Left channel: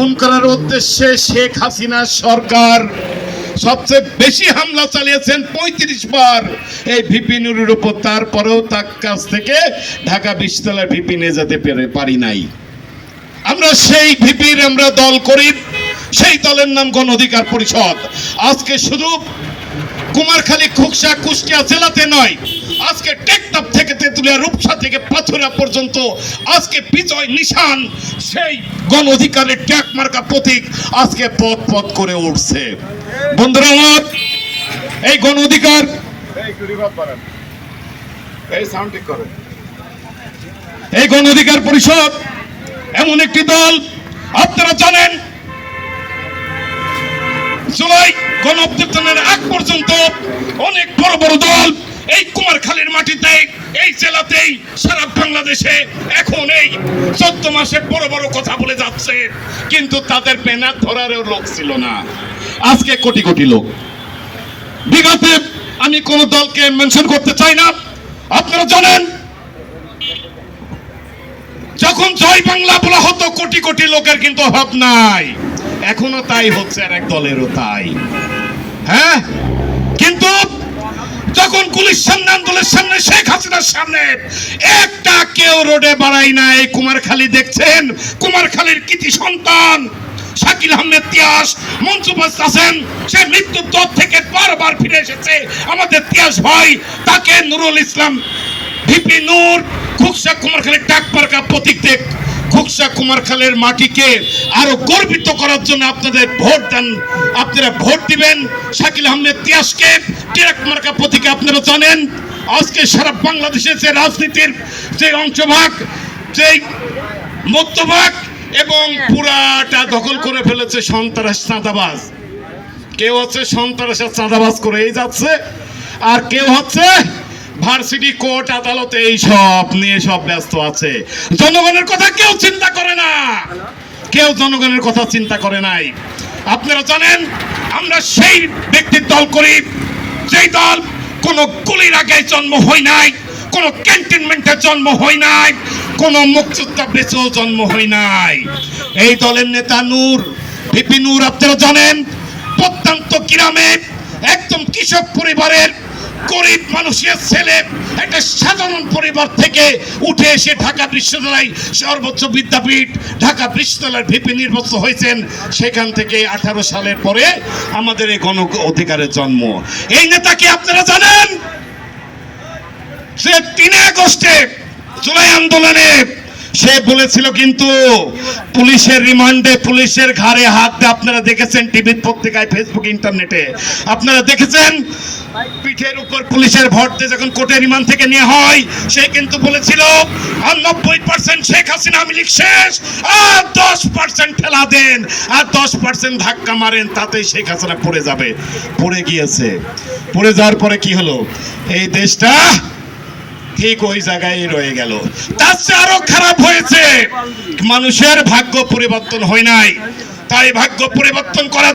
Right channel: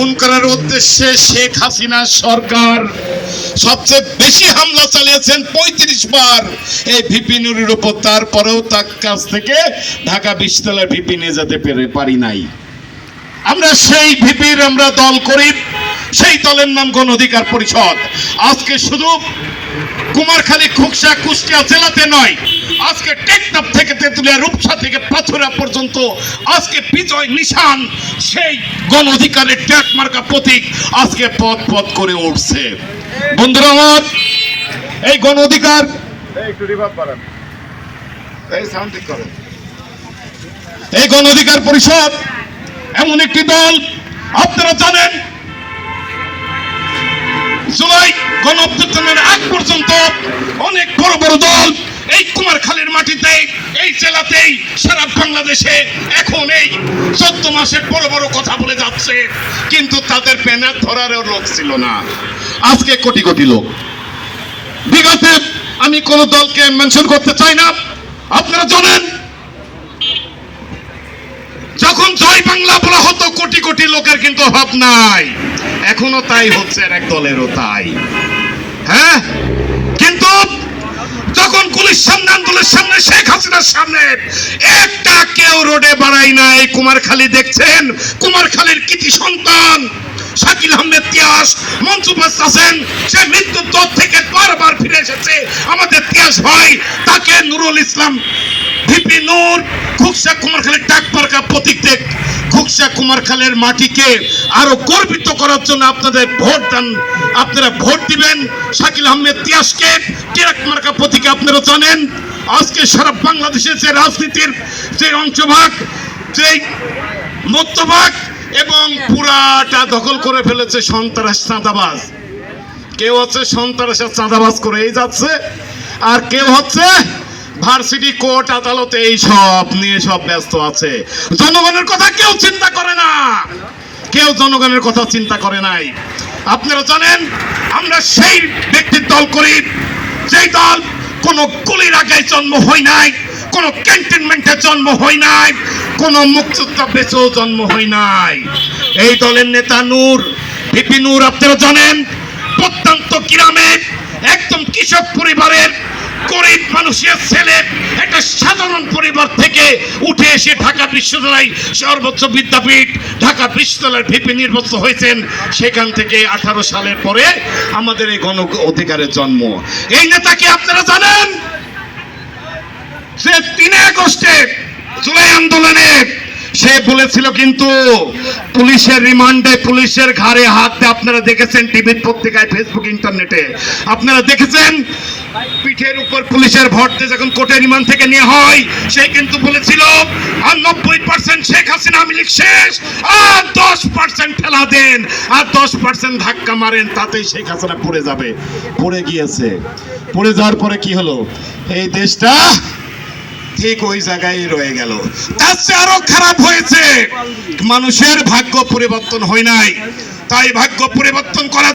খুন করার উদ্দেশ্যে শেখ হাসিনা সরকার সবচেয়ে বেশি হামলা চালিয়েছেন পঁয়ত্রিশ বার। এই ভিপি নুরের উপর তারপরেও তার কাছ থেকে ঢাকা বিশ্ববিদ্যালয়ের ভিপি নিয়ে যেতে পেরে- পারি নাই। আমরা সেই ভিপির আমরা দল করি, সেই দলের নাম গণ অধিকার পরিষদ। আজকে শুধু কুমারখালী, খুকসা, কুষ্টিয়া জেলাতে নয় আজকে টেকনাফ থেকে তেঁতুলিয়া রূপসা থেকে পাথুরা পর্যন্ত আজকে বিজয় নিশান সেই গণ অধিকারের ট্যাক মার্কা প্রতীক আজকে পথ পথ করে উঠছে। বন্ধুরা আমার এই গণ অধিকার এই গণ অধিকার পরিষদ এমন একটি দল আপনারা জানেন জুলাই গণ অভ্যুত্থানের আগ পর্যন্ত অনেক বড় বড় দল এই কুমারখালীর মাটিতে, এই জেলাতেই, সারা বাংলাদেশে এখন এই চোদ্দ মাসের বড় বড় কথা বলে যাচ্ছে। কিন্তু তাদের ব্যানার ধরারও লোক ছিল না। আজকে কোটি কোটি লোক। বিগতে আমি কোন দলকে মেনশন করতে চাই না। আপনারা জানেন, যখন জয় বাংলা বলা হতো, কোটি কোটি লোকের কিন্তু অভাব নাই। এখনও তাই হচ্ছে আর এক দলেরও তাই। হ্যাঁ কিন্তু যখন পুলিশ সামনে আন্দোলনের সামনে, শেখ হাসিনার সামনে। একটা কেউ রোডে বাড়াই নাই। কুমারখালী দেখছেন? কুমারখালীর কৃতি সন্তান, শাকিল আহমেদ তিয়াস মনসুফাস আছেন। সে মৃত্যুর দর থেকে বারবার ফিরে এসেছে। আমাদের তিয়াস ভাই, তাকে নুরুল ইসলাম, ভিপি নূর খুকসা কুমারখালীর ডাক পার্কা প্রতীক দেখ খুকসা কুমারখালের মাটিকে আরও গর্বিত করার জন্য আপনাদের ভোট দেন, আপনারা ভোট দিবেন। শাকিল আহমেদ তিয়াসকে, টিরাক মার্কা প্রতীকে আপনারা জানেন। আজকে সারা বাংলাদেশের যে রাজনীতির যে অংশভাগ, যে মধ্যভাগ এবং পুরাটা দখল করে ফেলেছে সন্ত্রাস চাঁদাবাজ। কেউ হচ্ছে সন্ত্রাসের চাঁদাবাজ করেই যাচ্ছে, আর কেউ হচ্ছে ভার্সিটি, কোর্ট, আদালতে এই সব নিয়ে সব ব্যস্ত আছে। জনগণের কথা কেউ চিন্তা করে না। কেউ জনগণের কথা চিন্তা করে নাই। আপনারা জানেন, আমরা সেই ব্যক্তির দল করি, যেই দল কোনো গুলির আগে জন্ম হয় নাই, কোন ক্যান্টনমেন্টের জন্ম হয় নাই, কোন মুক্তিযোদ্ধা বেঁচেও জন্ম হয় নাই। এই দলের নেতা নূর, ভিপি নূর, আপনারা জানেন, প্রত্যন্ত গ্রামে একদম কৃষক পরিবারের গরিব মানুষের ছেলে একটা সাধারণ পরিবার থেকে উঠে এসে ঢাকা বিশ্ববিদ্যালয় সর্বোচ্চ বিদ্যাপীঠ, ঢাকা বিশ্ববিদ্যালয়ের ভিপি নির্বাচিত হয়েছেন। সেখান থেকে আঠারো সালের পরে আমাদের এই গণ অধিকারের জন্ম। এই নেতাকে আপনারা জানেন? যে তিন আগস্টে জুলাই আন্দোলনে সে বলেছিল কিন্তু পুলিশের রিমান্ডে, পুলিশের ঘাড়ে হাত দিয়ে আপনারা দেখেছেন টিভি পত্রিকায় ফেসবুক ইন্টারনেটে। আপনারা দেখেছেন? পিঠের উপর পুলিশের ভোট দিয়ে যখন কোর্টে রিমান্ড থেকে নিয়ে হয়, সে কিন্তু বলেছিল, আর নব্বই পার্সেন্ট শেখ হাসিনা, আমি শেষ, আর দশ পার্সেন্ট ঠেলা দেন, আর দশ পার্সেন্ট ধাক্কা মারেন, তাতেই শেখ হাসিনা পড়ে যাবে। পড়ে গিয়েছে। পড়ে যাওয়ার পরে কি হলো? এই দেশটা ঠিক ওই জায়গায় রয়ে গেল। তার চেয়ে আরও খারাপ হয়েছে, মানুষের ভাগ্য পরিবর্তন হয় নাই। তাই ভাগ্য পরিবর্তন করা